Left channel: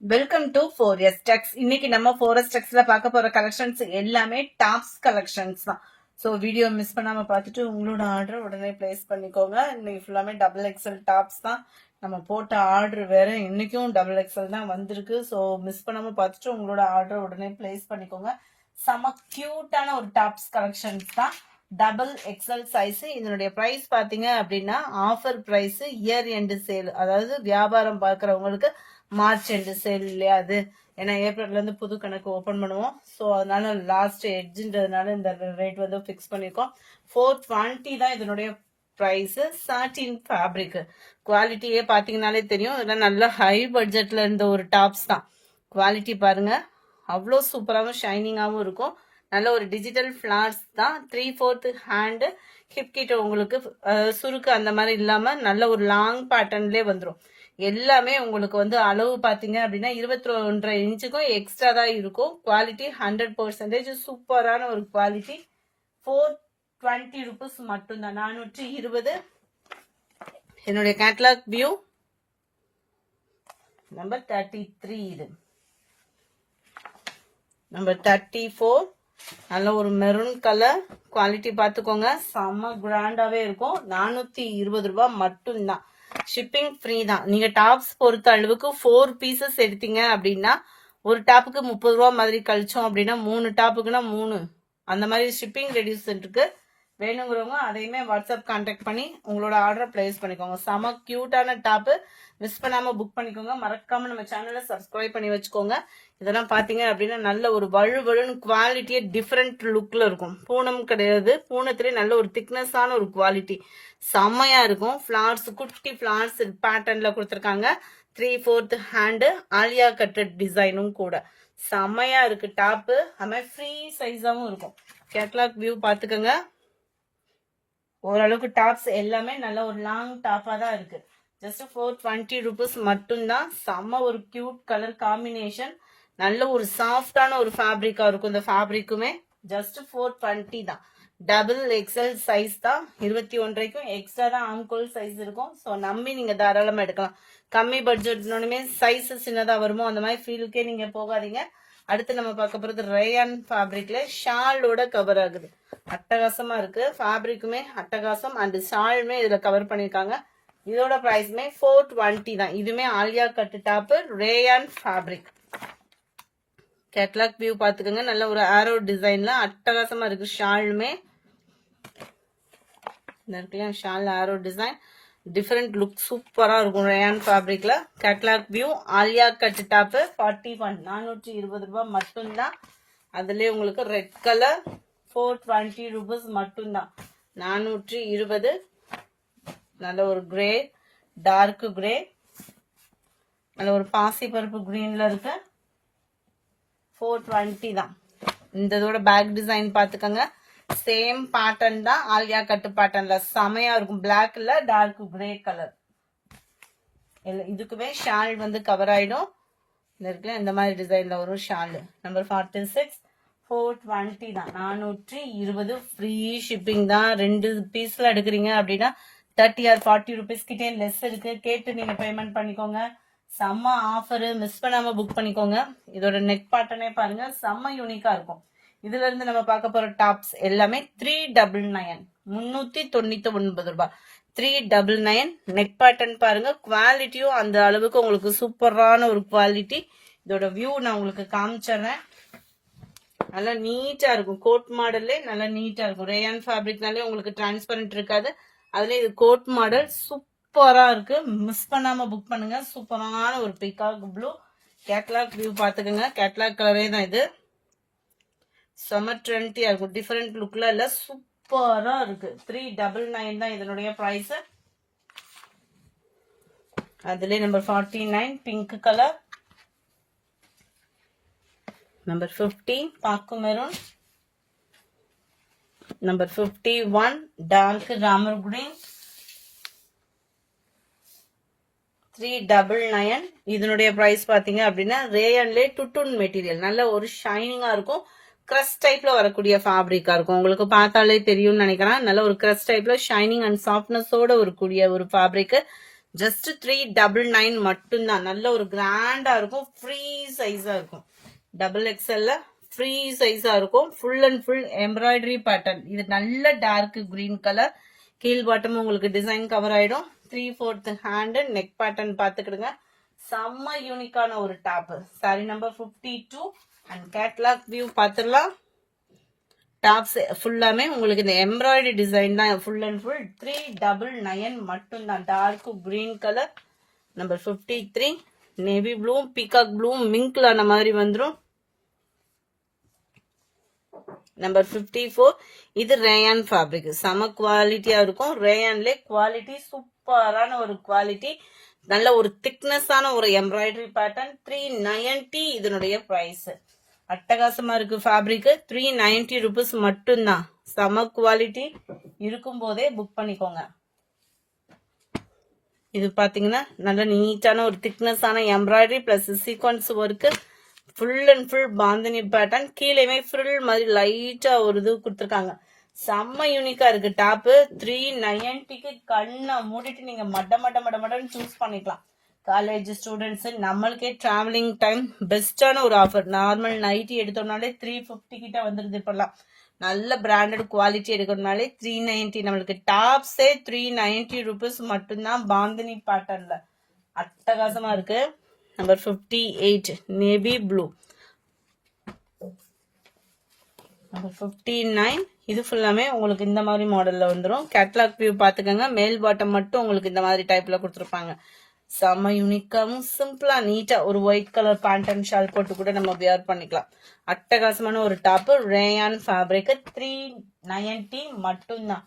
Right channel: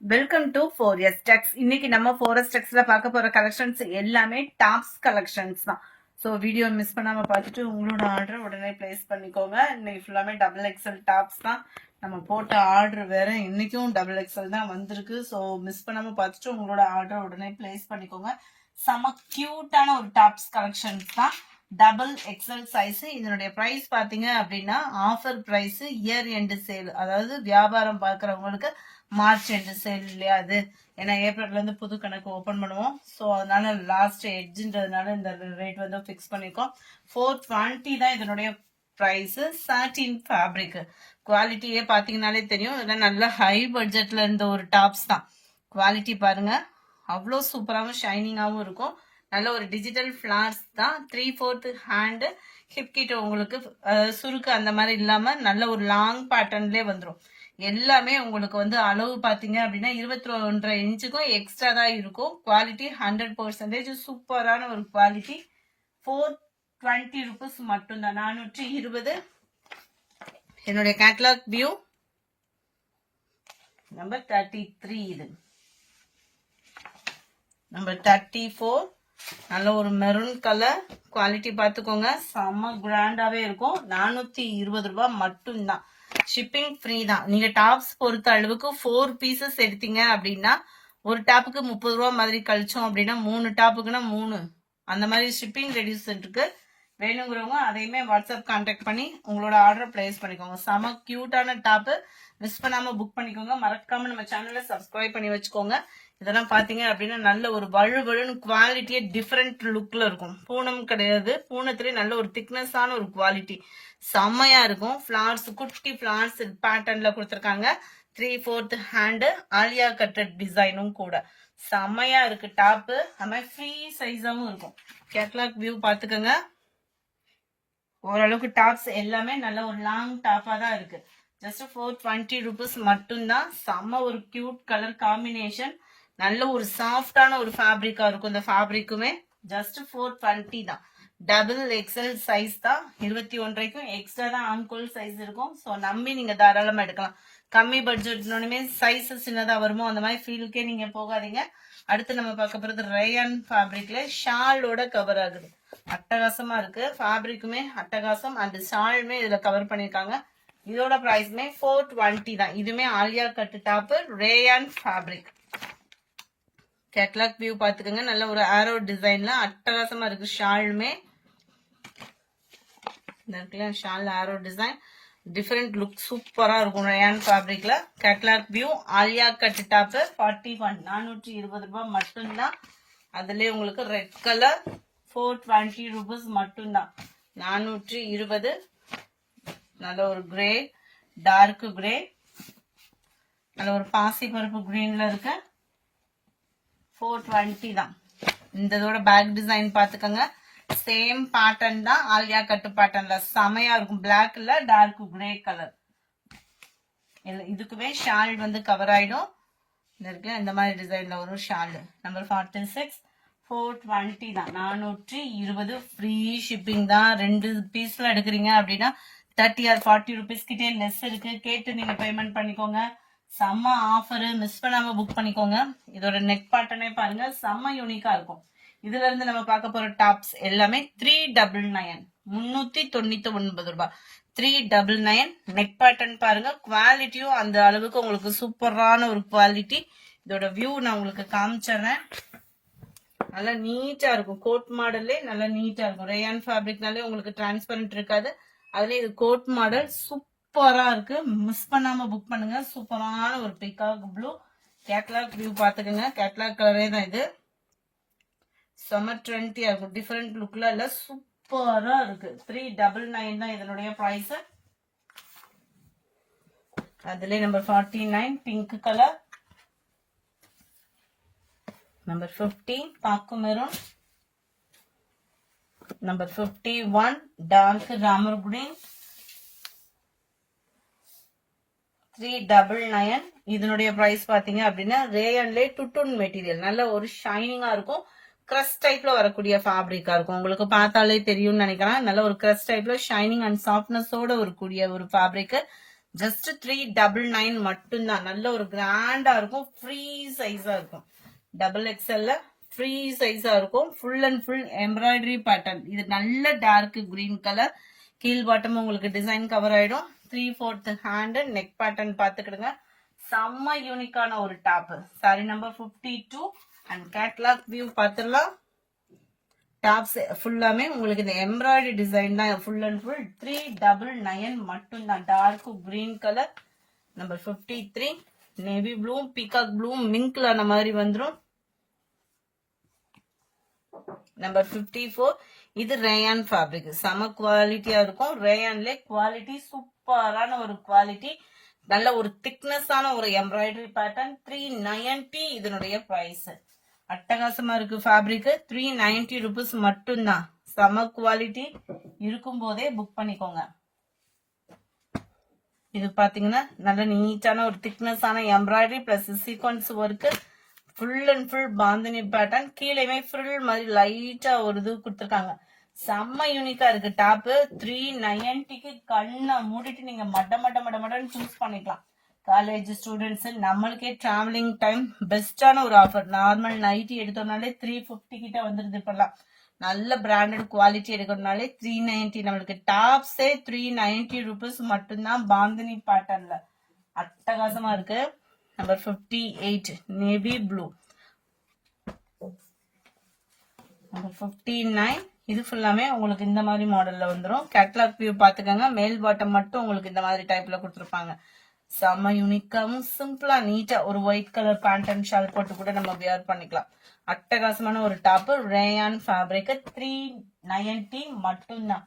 Welcome to 4S Tex. இன்னைக்கு நம்ம 4S Texல பார்க்க போற கலெக்ஷன்ஸ் எல்லாமே டாப்ஸ் கலெக்ஷன்ஸ் தான். ஸோ வீடியோ மிஸ் பண்ணாம பார்த்துட்டு உங்களோட ஆர்டர் உடனே பிளேஸ் பண்ணிக்கோங்க. இன்னைக்கு ஃபுல்லாமே டபுள் எக்ஸல் டாப்ஸ் தான். நம்ம போட்ட ஆர்டர் வேற இன்னைக்கும் டபுள் எக்ஸல் தான் வந்திருக்கு. ஸோ மிஸ் பண்ணாம பார்த்துட்டு உங்களோட ஆர்டர் உடனே பிளேஸ் பண்ணிக்கோங்க. செம கியூட்டான ஒரு டாப்ஸ் கலெக்ஷன்ஸ் தான். Double XL size. இதனுடைய பிரைஸ் பாத்தீங்க அப்படின்னா offer price, year end sale, அதாவது வியாபாரம் பார்க்கறவங்களுக்கு மார்ச் எண்டு சேல் இல்லையா அது. ஏன்னா ஏப்ரல்ல இருந்து புது கணக்கு ஓபன் பண்ணுவோம். ஸோ அதனால லாஸ்ட் எட்ஜுன்றதுனால இந்த ரேட் வந்து ஃபிக்ஸ் பண்ணிருக்கோம். 420 தான் இதனுடைய பிரைஸ். சாட்டின் ஃபேப்ரிக் குவாலிட்டியே பாத்தீங்கன்னாலே தெரியும். இதெல்லாம் நல்ல ஹை பட்ஜெட்ல இருந்த ஒரு டாப்ஸ் தான். குவாலிட்டி பாருங்க, அவ்வளோ சூப்பராகவும் ஷைனிங்காகவும் இருக்கும். நல்ல ஒரு டிஜிட்டல் ஃபிளார்ஸ் தான். 3/4 ஹேண்டு, ஹிப் கிட்ட உங்களுக்கு சுருக்கு அந்த மாதிரி இல்லாம நல்ல ஒரு லாங் பேட்டர்ன்லேயே வந்துடும். எல்லாமே உங்களுக்கு வந்து அளவு பாத்தீங்க அப்படின்னா 21.5 இன்ச்சுக்கும் எக்ஸ்ட்ரா தான் இருக்கும். குவாலிட்டி 100% சூப்பரான ஒரு குவாலிட்டி. 420 rupees மட்டும்தான். 420. என்னுடைய கேட்டலாக் வியூ நம்பர் 33. இது நம்பர் 34. நல்ல ஒரு மெரூன் கலர். குவாலிட்டி பார்த்துக்கோங்க, செம்ம கிராண்டாவே இருக்கும். 420 ரூபாய் மட்டும்தான். ஷிப்பிங் ஃப்ரீ தான். நீங்க டாப்ஸ் பொறுத்த அளவுக்கு 4 பீசஸ் எடுத்தீங்க அப்படின்னா ஒரு டாப்புக்கு 30 ரூபா மாதிரி கழிச்சோம் அப்படின்னா 3 டாப்புக்குன்னா 3 அந்த மாதிரி ஷிப்பிங் ரெடியூஸ் இருக்கு. வேணுங்கிறவங்க அதையுமே வாட்ஸ்அப் கான்டாக்ட் பண்ணி உங்களோட ஆர்டர் பிளேஸ் பண்ணிக்கோங்க. செம கியூட்டான டாப்பு. மிஸ் பண்ணாம புக் பண்ணிக்கோங்க. மறக்காம நம்ம சேனலை சப்ஸ்கிரைப் பண்ணி வச்சுக்கோங்க. இதெல்லாம் பாத்தீங்க அப்படின்னா நல்ல ஒரு வழுவழுன்னு குவாலிட்டியே டிஃப்ரெண்ட் லுக்ல இருக்கும். பூனம் கிடையாது, பூனத்திலே நல்ல ஒரு திக்னஸான ஒரு குவாலிட்டி செம்மையா இருக்கும். ஃபிளார்ஸ், குட்டி ஃபிளார்ஸ் பேட்டர்ன்ல கொடுத்துருக்காங்க. 3/4 ஹேண்டு, ஆலியா கட்டட் டிசைனும் கூட செம்மையா இருக்கு டாப்பு. அது ஃப்ரீ சைஸாவும் இருக்கும். கேட்லாக் வியூ பாத்துக்கோங்க. ஓரளவுக்கு டாப்ஸ் எல்லாமே நல்ல ஒரு லாங் டாப்பா தான் இருக்கு. ஜஸ்ட் 420 rupees மட்டும்தான். செம்ம ஒரு கியூட் கலர் காம்பினேஷன். நல்ல ஒரு சாஃப்டான ஒரு ஃபேப்ரிக்கா இருக்கும். இந்த ஃபேப்ரிக்குமே ஜஸ்ட் 420 தான். டபுள் எக்ஸல் சைஸ் தான். 21.5க்கும் எக்ஸ்ட்ரா தான் ஆம்கோல் சைஸ் இருக்கும். ஸோ நம்பி நீங்க தாராளமா எடுக்கலாம். கம்மி பட்ஜெட்னுமே சைஸ் சின்னதா வருமோ அந்த மாதிரி ஃபீலுக்கே நீங்க போகாதீங்க. அடுத்து நம்ம பார்க்க போறது ரேயான் ஃபேப்ரிக்ல ஷாலோட கவர் ஆகுது. அட்டகாசமா இருக்கு. ஃபேப்ரிக்குமே அட்டகாசம் அண்ட் ஷாலுமே இதுல கவர் பண்ணிருக்காங்க. இதோட பிரைஸ்மே 420 தான். இதுமே Alia cut top, rayon fabric. Catalogue view பாத்துக்கோங்க. நல்ல ஒரு ஆரோ டிசைன்ல அட்டகாசமா இருக்கு. ஷாலுமே shawl arrow design different look சூப்பரா இருக்கும் ரேயான் ஃபேப்ரிக்ல. Catalogue view Alia cut top 41. 420 ரூபாய் மட்டும்தான். அதுலயே உங்களுக்கு ரெட் கலர் 420 rupees மட்டும்தான். 420. நல்ல ஒரு கிரே, டார்க் கிரே, நல்ல ஒரு பாசி பருப்பு கிரீன்ல இருக்கு. 420 தான். இதோட பேக் டிசைன் பாத்துக்கோங்க. சேம் பேட்டர்ன் தான். ஆலியா கட்டு பேட்டர்ன்ல செமையா இருக்கும். பிளாக்ல டார்க் கிரே கலர். இதுக்குமே ஷால் வந்து கவர் ஆயிடும். இந்த மாதிரி டிசைன்ல வரும் ஷால். நம்பர் 46. 420 தான். 420 ஃப்ரீ ஷிப்பிங் தான். 2 பீஸ்ல எடுக்கிறீங்க அப்படின்னா 30 or 40 rupees கிட்டே லெஸ் இருக்கு. கேட்டு நீங்க பேமெண்ட் பண்ணிக்கோங்க. செம்ம ஆஃபர். மிஸ் பண்ணாம புக் பண்ணிக்கோங்க. இதோட நெக் பேட்டர்னே பாருங்க, செம்ம யூனிக்கா இருக்கும். இதுல இருந்து நம்ம பார்க்க போற டாப்ஸ் எல்லாமே 399. 399 ரூபாய். 399. நெக் பேட்டர்ன் பாருங்க. குவாலிட்டியும் அந்த அளவுக்கு உங்களுக்கு சூப்பரான ஒரு குவாலிட்டி. இதோட வியூ நான் உங்களுக்கு காமிச்சிடுறேன். நல்லா நீட்டா இருக்கும். கோட் மாடல்லே நல்லா நீட்டா இருக்கும். ரேயான் ஃபேப்ரிக்னாலே உங்களுக்கு டிரான்ஸ்பரண்ட் இருக்காது. அதுல இது கோட் மாடல் சூப்பரா இருக்கு. மிஸ் பண்ணாம புக் பண்ணுங்க. சூப்பரான ஒரு பீகாக் ப்ளூ. கேட்லாக் வியூ பாத்துக்கோங்க. கேட்லாக் கலரே தான் இது. செம ட்ரெண்டியா இருக்கும். டிஃபரெண்ட் லுக்ல இல்ல, சூப்பரா இருக்கு. 399 தான் இதனுடைய பிரைஸ். அதுல நம்பர் 49 பிங்க் கலர். நம்பர் 50 பாக்கு மெரூன். நம்பர் 51 டார்க் ராமர் கிரீன். 399. இதனுடைய பிரைஸ் பாத்தீங்க அப்படின்னா ரேயன்லே டுட்டுன் மெட்டீரியல். நல்ல ஒரு ஷைனிங்கா இருக்கும். கிரஸ் டைப்ல வரக்கூடிய ஃபேப்ரிக்கா இருக்கும். உங்களுக்கு பார்த்தாலே தெரியும்னு நினைக்கிறேன். நல்ல ஒரு கிரஸ் டைப்ல ஷைனிங் அண்ட் சாஃப்ட்னஸோட வரக்கூடிய ஒரு ஃபேப்ரிக். ஜஸ்ட் 399 மட்டும்தான். நல்ல ஒரு கிராண்டா இருக்கும், ஃப்ரீ சைஸா இருக்கும். டபுள் எக்ஸ்எல்ல ஃப்ரீ சைஸா இருக்கும். Full and full embroidery pattern. இது நல்ல டார்க் கிரீன் கலர். கீழ் பாட்டம் உங்களுக்கு டிசைன் கவர் ஆயிடும். 3/4 ஹேண்ட் நெக் பேட்டர்ன் பாத்துக்கிடுங்க. செம்ம யூனிக்கான ஒரு top. Sari number 52 and catalogue view பாத்துடலாம். டாப்ஸ் ஃபுல்லாமே உங்களுக்கு இந்த எம்ப்ராய்டரி டிசைன் தான். ஃபுல் அண்ட் ஃபுல் 399 மட்டும்தான். Dark green colour. Number 53 navy blue peacock blue மிங்க்ல ஆன மாதிரி வந்துடும். நம்பர் 54 இது ரேயான் ஃபேப்ரிக். செம குவாலிட்டியா இருக்கும். ரேயான்ல குவாலிட்டி சூப்பரான ஒரு குவாலிட்டி. நல்ல ஒரு திக்னஸான ஒரு எம்ப்ராய்டரி பேட்டர்ன். 390 இதனுடைய பிரைஸ். அட்டகாசமா இருக்கு ஃபேப்ரிக். 390 ருபீஸ் மட்டும்தான். செம குவாலிட்டி. இருக்கும் போதே புக் பண்ணிக்கோங்க. இது பாத்தீங்கன்னா நல்ல நீட்டான ஒரு திக்னஸான embroidery plus sequins work. Full and full bandhani pattern. கீழேயுமே ஃப்ரில் மாதிரி லைட்டா ஒரு இது கொடுத்துருக்காங்க. செம்ம யூனிக்கா இருக்கு டாப். 390க்கு கண்ணை மூடிட்டு நீங்க மட்டன்னு சூஸ் பண்ணிக்கலாம். காலேஜ் ஸ்டூடெண்ட்ஸ், நம்மளுக்கே டிராவலிங் டைம் பெஸ்டான ஒரு ஆஃபர். நார்மல் நைட்டி எடுத்தோம்னாலே 350 கிட்ட வந்துருது இப்பெல்லாம். நல்ல பிராண்டட் குவாலிட்டி எடுக்கிறதுனாலே 390. நம்மளுக்கு டாப்ஸே 390 ருபீஸ் மட்டும்தான். பாந்தினி பேட்டர்ன்ல அட்டகாசமா இருக்கு. Number 58 navy blue. நம்பர் 59 இது ஃபுல்லாமே உங்களுக்கு இந்த மாதிரி மாடல்ல வந்துடும். கேட்லாக் வியூ பாத்துக்கோங்க. மேல் பாட்டம் மட்டும் உங்களுக்கு இந்த மாதிரி டைப்ல கொடுத்துருப்பாங்க. செம்ம யூனிக்காவும் சிம்பிளா நீட்டா ஒரு white colour pant and shawl போட்டு கூட நம்ம வியர் பண்ணிக்கலாம். அட்டகாசமான ஒரு டாப். Rayon fabric. 390 மட்டும்தான்.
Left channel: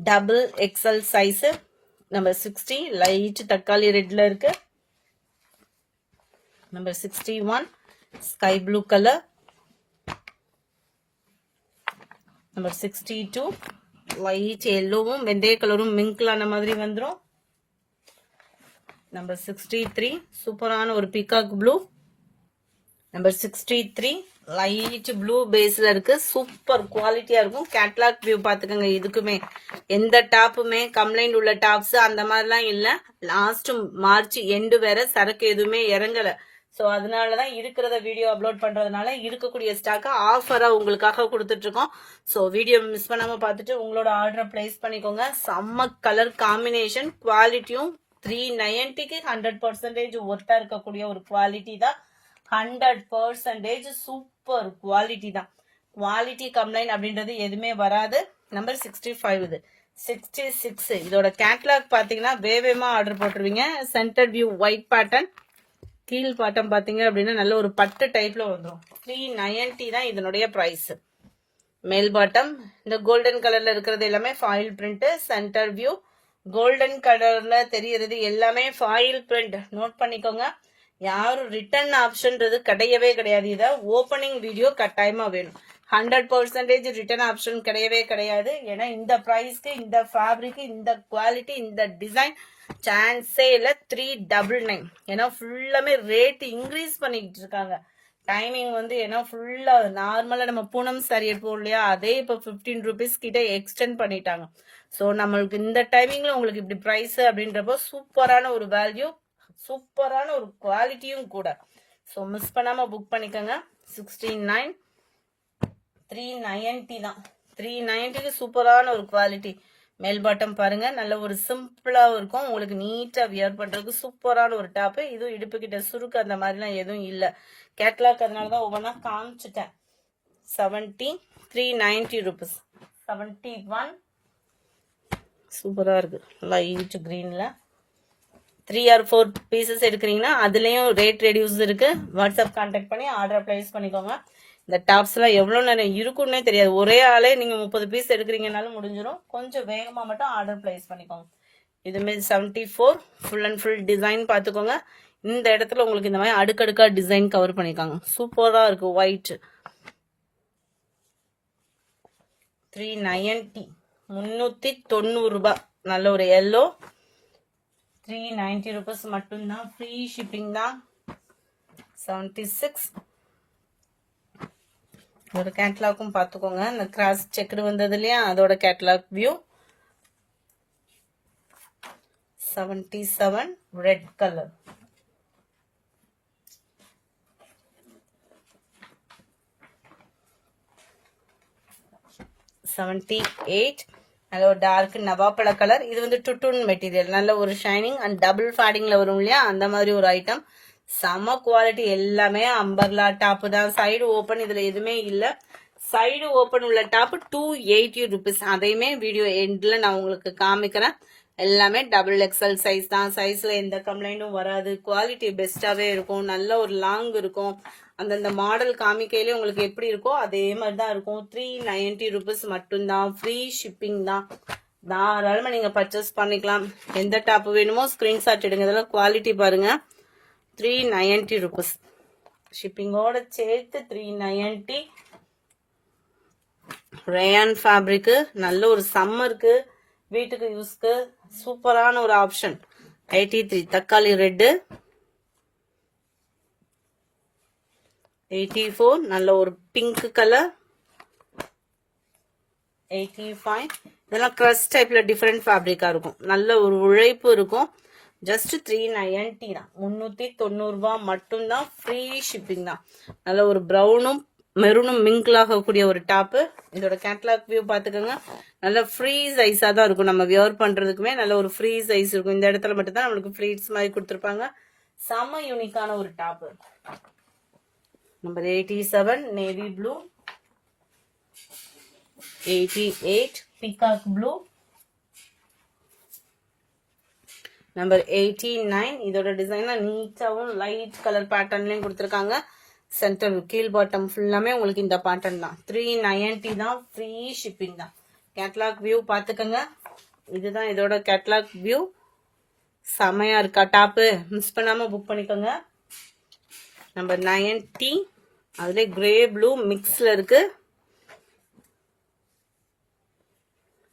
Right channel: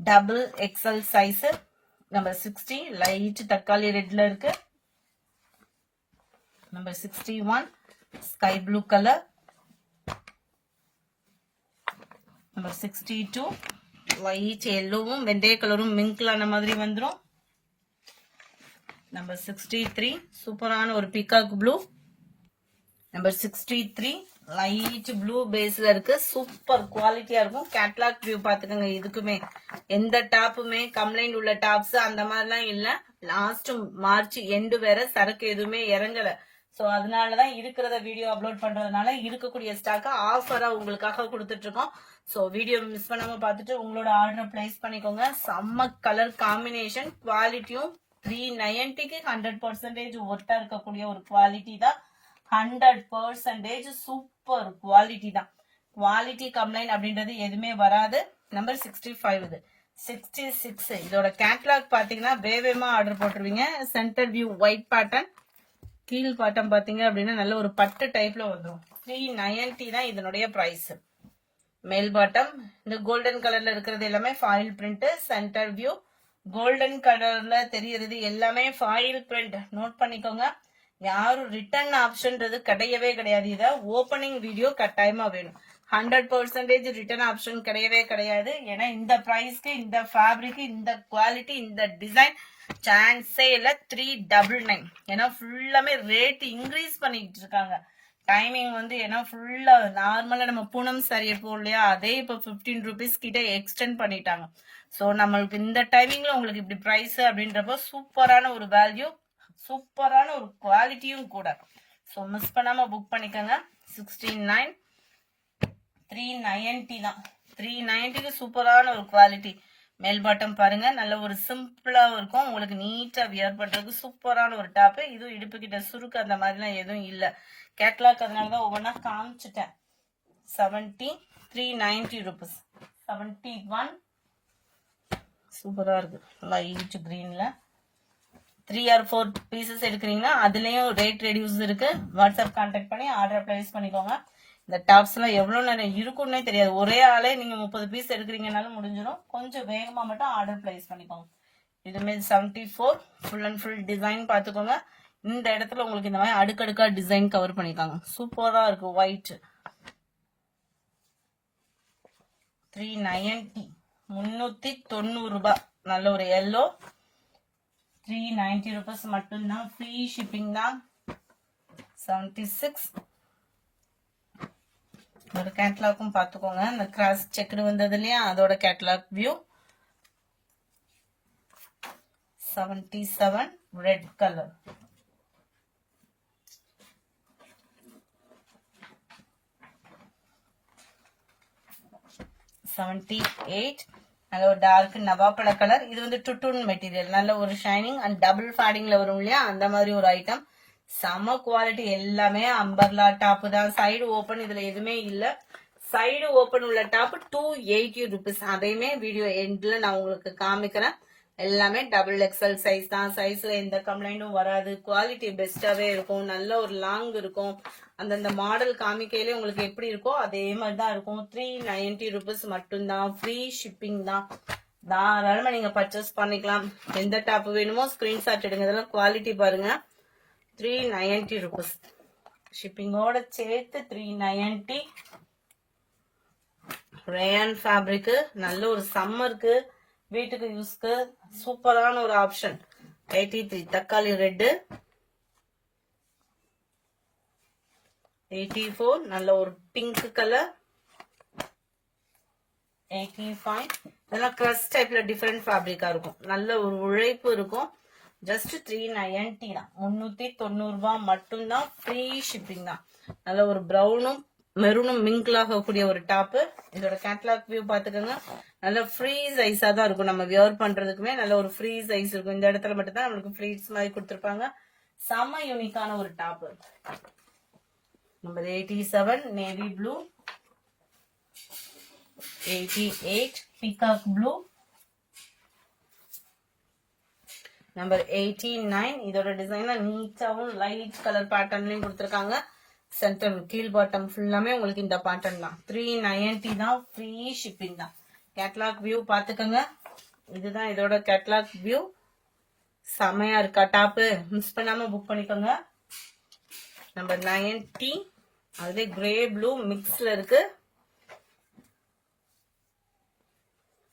Double XL size. Number 60 light தக்காளி ரெட்ல இருக்கு. Number 61 sky blue colour. Number 62 white எல்லோவும் வெந்தய கலரும் மிங்க்லான மாதிரி வந்துடும். நம்பர் 63 சூப்பரான ஒரு peacock blue. Number 63 light blue பேஸ்ல இருக்கு. சூப்பர் குவாலிட்டியா இருக்கும். கேட்லாக் வியூ பாத்துக்கோங்க. இதுக்குமே எந்த டாப்புமே கம்ப்ளைண்ட் உள்ள டாப்ஸ் அந்த மாதிரிலாம் இல்ல. லாஸ்ட் மார்ச் எண்டு வேற சரக்கு எதுவுமே இறங்கல. ஸோ அதனாலதான் இருக்கிறத வீடியோ அப்லோட் பண்றதுனால இருக்கக்கூடிய ஸ்டாக் ஆஃபரா உங்களுக்காக கொடுத்துட்டு இருக்கோம். ஸோ வீடியோ மிஸ் பண்ணாம பார்த்துட்டு உங்களோட ஆர்டரை பிளேஸ் பண்ணிக்கோங்க. செம்ம கலர் காம்பினேஷன். குவாலிட்டியும் 390க்கு 100% ஒர்த்தா இருக்கக்கூடிய ஒரு குவாலிட்டி தான். 100% சூப்பர் குவாலிட்டி தான். குவாலிட்டி கம்ப்ளைண்ட் அப்படின்றது எதுவுமே வராது. நம்பர் 65 இது 66 இதோட கேட்லாக் பாத்தீங்கன்னா வேகமா ஆர்டர் போட்டுருவீங்க. Centre view white pattern. கீழ் பாட்டம் பாத்தீங்க அப்படின்னா நல்ல ஒரு பட்டு டைப்ல வந்துடும். 390 தான் இதனுடைய பிரைஸ். மேல் பாட்டம் இந்த கோல்டன் கலர்ல இருக்கிறது எல்லாமே foil print. Centre view golden கலர்ல தெரியறது எல்லாமே ஃபாயில் பிரிண்ட். நோட் பண்ணிக்கோங்க. யாரும் ரிட்டர்ன் ஆப்ஷன்றது கிடையவே கிடையாது. இதை ஓப்பனிங் வீடியோ கட்டாயமா வேணும். 100% ரிட்டர்ன் ஆப்ஷன் கிடையவே கிடையாது. ஏன்னா இந்த பிரைஸ்க்கு இந்த ஃபேப்ரிக் இந்த குவாலிட்டி இந்த டிசைன் சான்ஸே இல்ல. 399. ஏன்னா ஃபுல்லாமே ரேட் இன்க்ரீஸ் பண்ணிட்டு இருக்காங்க. டைமிங் வந்து ஏன்னா ஃபுல்லா நார்மலா நம்ம பூனம் சாரி எடுப்போம் இல்லையா, அதே இப்போ 15 ருபீஸ் கிட்ட எக்ஸ்டெண்ட் பண்ணிட்டாங்க. ஸோ நம்மளுக்கு இந்த டைமிங்ல உங்களுக்கு இப்படி பிரைஸ் அப்படின்றப்போ சூப்பரான ஒரு வேல்யூ, சூப்பரான ஒரு குவாலிட்டியும் கூட. ஸோ மிஸ் பண்ணாம புக் பண்ணிக்கோங்க. 69 390 தான். 390க்கு சூப்பரான ஒரு குவாலிட்டி. மேல் பாட்டம் பாருங்க நல்ல ஒரு சிம்பிளா இருக்கும். உங்களுக்கு நீட்டா வியர் பண்றதுக்கு சூப்பரான ஒரு டாப். இதுவும் இடுப்பு கிட்ட சுருக்கு அந்த மாதிரிலாம் எதுவும் இல்ல. கேட்லாக் அதனாலதான் ஒவ்வொன்றா காமிச்சிட்டேன். 70 390 ருபீஸ். 71 சூப்பரா இருக்கு. லைட் கிரீன்ல 3 or 4 பீசஸ் எடுக்கிறீங்கன்னா அதுலயும் ரேட் ரெடியூஸ் இருக்கு. வாட்ஸ்அப் கான்டாக்ட் பண்ணி ஆர்டர் பிளேஸ் பண்ணிக்கோங்க. இந்த டாப்ஸ் எல்லாம் எவ்வளவு நேரம் இருக்குன்னே தெரியாது. ஒரே ஆளே நீங்க 30 பீஸ் எடுக்கிறீங்கனாலும் முடிஞ்சிடும். கொஞ்சம் வேகமா மட்டும் ஆர்டர் பிளேஸ் பண்ணிக்கோங்க. இதுமே 74 ஃபுல் அண்ட் ஃபுல் டிசைன் பாத்துக்கோங்க. இந்த இடத்துல உங்களுக்கு இந்த மாதிரி அடுக்கடுக்கா டிசைன் கவர் பண்ணிருக்காங்க. சூப்பரா இருக்கு. ஒயிட் 390 390 ரூபாய். நல்ல ஒரு எல்லோ 390 ருபீஸ் மட்டும்தான். ஃப்ரீ ஷிப்பிங் தான். 76 ஒரு கேட்லாக்கும் பாத்துக்கோங்க. இந்த கிராஸ் செக்குடு வந்தது இல்லையா, அதோட கேட்லாக் வியூ. 77 red color. நல்ல டார்க் நவாப்பழ கலர். இது வந்து டுட்டூன் மெட்டீரியல், நல்ல ஒரு ஷைனிங் அண்ட் டபுள் ஃபேடிங்ல வரும் இல்லையா, அந்த மாதிரி ஒரு ஐட்டம். செம குவாலிட்டி. எல்லாமே அம்பர்லா டாப் தான். சைடு ஓபன் இதுல எதுவுமே இல்ல. சைடு ஓபன் உள்ள டாப் 280 rupees. அதையுமே வீடியோ எண்ட்ல நான் உங்களுக்கு காமிக்கிறேன். எல்லாமே டபுள் எக்ஸல் சைஸ் தான். சைஸ்ல எந்த கம்ப்ளைண்டும் வராது. குவாலிட்டி பெஸ்டாவே இருக்கும். நல்ல ஒரு லாங் இருக்கும். அந்தந்த மாடல் காமிக்கையிலே உங்களுக்கு எப்படி இருக்கோ அதே மாதிரி தான் இருக்கும். 390 rupees மட்டும்தான். ஃப்ரீ ஷிப்பிங் தான். தாராளமா நீங்க பர்ச்சேஸ் பண்ணிக்கலாம். எந்த டாப் வேணுமோ ஸ்கிரீன்ஷாட் எடுங்க. இதெல்லாம் குவாலிட்டி பாருங்க. 390 rupees ஷிப்பிங்கோட சேர்த்து 390. Rayon fabric. நல்ல ஒரு சம்மருக்கு வீட்டுக்கு யூஸ்க்கு சூப்பரான ஒரு ஆப்ஷன். 83 தக்காளி ரெட்டு. 84 நல்ல ஒரு பிங்க் கலர். 85 இதெல்லாம் கிரஷ் டைப்ல டிஃபரெண்ட் ஃபேப்ரிக்கா இருக்கும். நல்ல ஒரு உழைப்பு இருக்கும். ஜஸ்ட் 390 தான். 390 ரூபாய் மட்டும்தான். ஃப்ரீ ஷிப்பிங் தான். நல்ல ஒரு ப்ரௌனும் மெரூனும் மிங்கிள் ஆகக்கூடிய ஒரு டாப்பு. இதோட கேட்லாக் வியூ பாத்துக்கோங்க. நல்ல ஃப்ரீ சைஸா தான் இருக்கும். நம்ம வியர் பண்றதுக்குமே நல்ல ஒரு ஃப்ரீ சைஸ் இருக்கும். இந்த இடத்துல மட்டும் தான் நம்மளுக்கு ஃப்ளீட்ஸ் மாதிரி கொடுத்துருப்பாங்க. செம யூனிக்கான ஒரு top. Number 87 navy blue. 88 peacock blue. Number 89 இதோட டிசைன்ல நீட்டாவும் லைட் கலர் பேட்டர்ன்லயும் கொடுத்துருக்காங்க. சென்டர் கீழ் பாட்டம் ஃபுல்லாமே உங்களுக்கு இந்த பேட்டர்ன் தான். 390 தான். ஃப்ரீ ஷிப்பிங் தான். கேட்லாக் வியூ பாத்துக்கோங்க. இதுதான் இதோட கேட்லாக் வியூ. செமையா இருக்கா டாப்பு? மிஸ் பண்ணாம புக் பண்ணிக்கோங்க. நம்பர் 90 அதுல கிரே ப்ளூ மிக்ஸ்ல இருக்கு.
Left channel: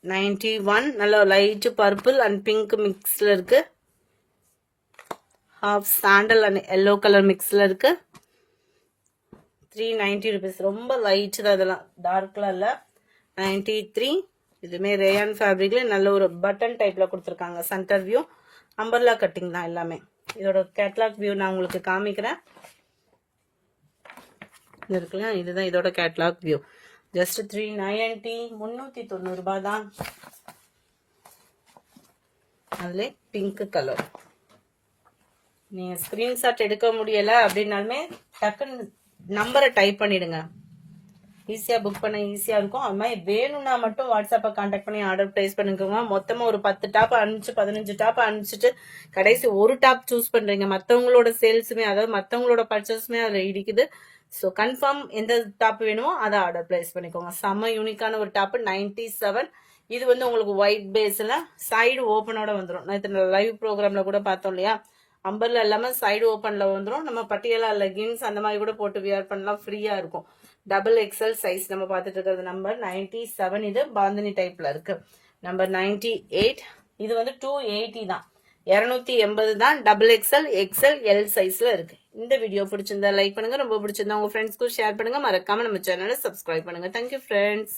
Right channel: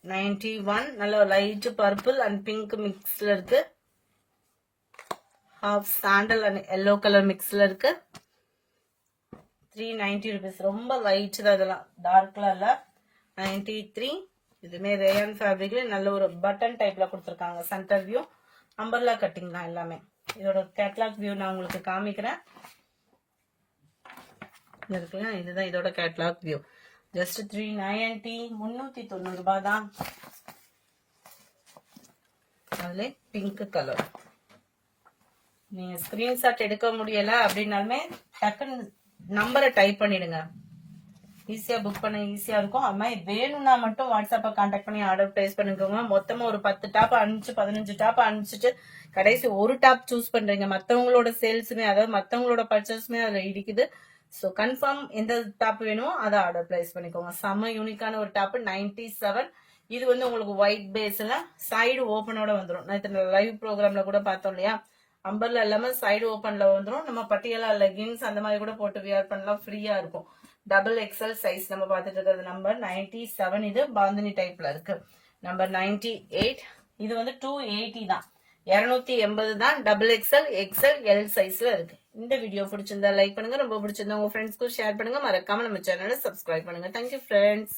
91 நல்ல லைட் பர்பிள் அண்ட் பிங்க் மிக்ஸ்ல இருக்கு. Half sandal and yellow colour மிக்ஸ்ல இருக்கு. 390 rupees. ரொம்ப லைட் தான். இதெல்லாம் டார்க்லாம் இல்ல. 93 இதுமே ரேயான் ஃபேப்ரிக்ல நல்ல ஒரு பட்டன் டைப்ல கொடுத்துருக்காங்க. சென்டர் வியூ அம்பர்லா கட்டிங் தான் எல்லாமே. இதோட கேட்லாக் வியூ நான் உங்களுக்கு காமிக்கிறேன். இது இருக்குல்ல, இதுதான் இதோட கேட்லாக் வியூ. ஜஸ்ட் 390 390 ரூபாய் தான். அதுல பிங்க் கலர். நீங்க ஸ்கிரீன்ஷாட் எடுக்க முடியல அப்படின்னாலுமே டக்குன்னு நம்பரை டைப் பண்ணிடுங்க. ஈஸியா புக் பண்ண ஈஸியா இருக்கும். அது மாதிரி வேணும்னா மட்டும் வாட்ஸ்அப்பை கான்டாக்ட் பண்ணி ஆர்டர் பிளேஸ் பண்ணிக்கோங்க. மொத்தமா ஒரு 10 டாப் அனுப்பிச்சு 15 டாப் அனுப்பிச்சிட்டு கடைசி ஒரு டாப் சூஸ் பண்றீங்க. மத்தவங்களோட சேல்ஸுமே, அதாவது மத்தவங்களோட பர்ச்சேஸுமே அதுல இடிக்குது. ஸோ கன்ஃபார்ம் எந்த டாப் வேணுமோ அதை ஆர்டர் பிளேஸ் பண்ணிக்கோங்க. செம்ம யூனிக்கான ஒரு டாப். 97 இது வந்து உங்களுக்கு ஒயிட் பேஸ்ல சைடு ஓப்பனோட வந்துடும். நேற்று லைவ் ப்ரோக்ராம்ல கூட பார்த்தோம் இல்லையா, அம்பர்ல எல்லாமே சைடு ஓப்பன்ல வந்துடும். நம்ம பட்டியலா லெகின்ஸ் அந்த மாதிரி கூட போட்டு வியர் பண்ணலாம். ஃப்ரீயா இருக்கும். டபுள் எக்ஸல் சைஸ் நம்ம பார்த்துட்டு இருக்கிறது. நம்பர் 97 இது பாந்தினி டைப்ல இருக்கு. நம்பர் 98 இது வந்து 280 தான். 280 தான். டபுள் எக்ஸல் எக்ஸல் எல் சைஸ்ல இருக்கு. இந்த வீடியோ பிடிச்சிருந்தா லைக் பண்ணுங்க. ரொம்ப பிடிச்சிருந்தா உங்க ஃப்ரெண்ட்ஸ்க்கும் ஷேர் பண்ணுங்க. மறக்காம நம்ம சேனலை சப்ஸ்கிரைப் பண்ணுங்க. Thank you friends.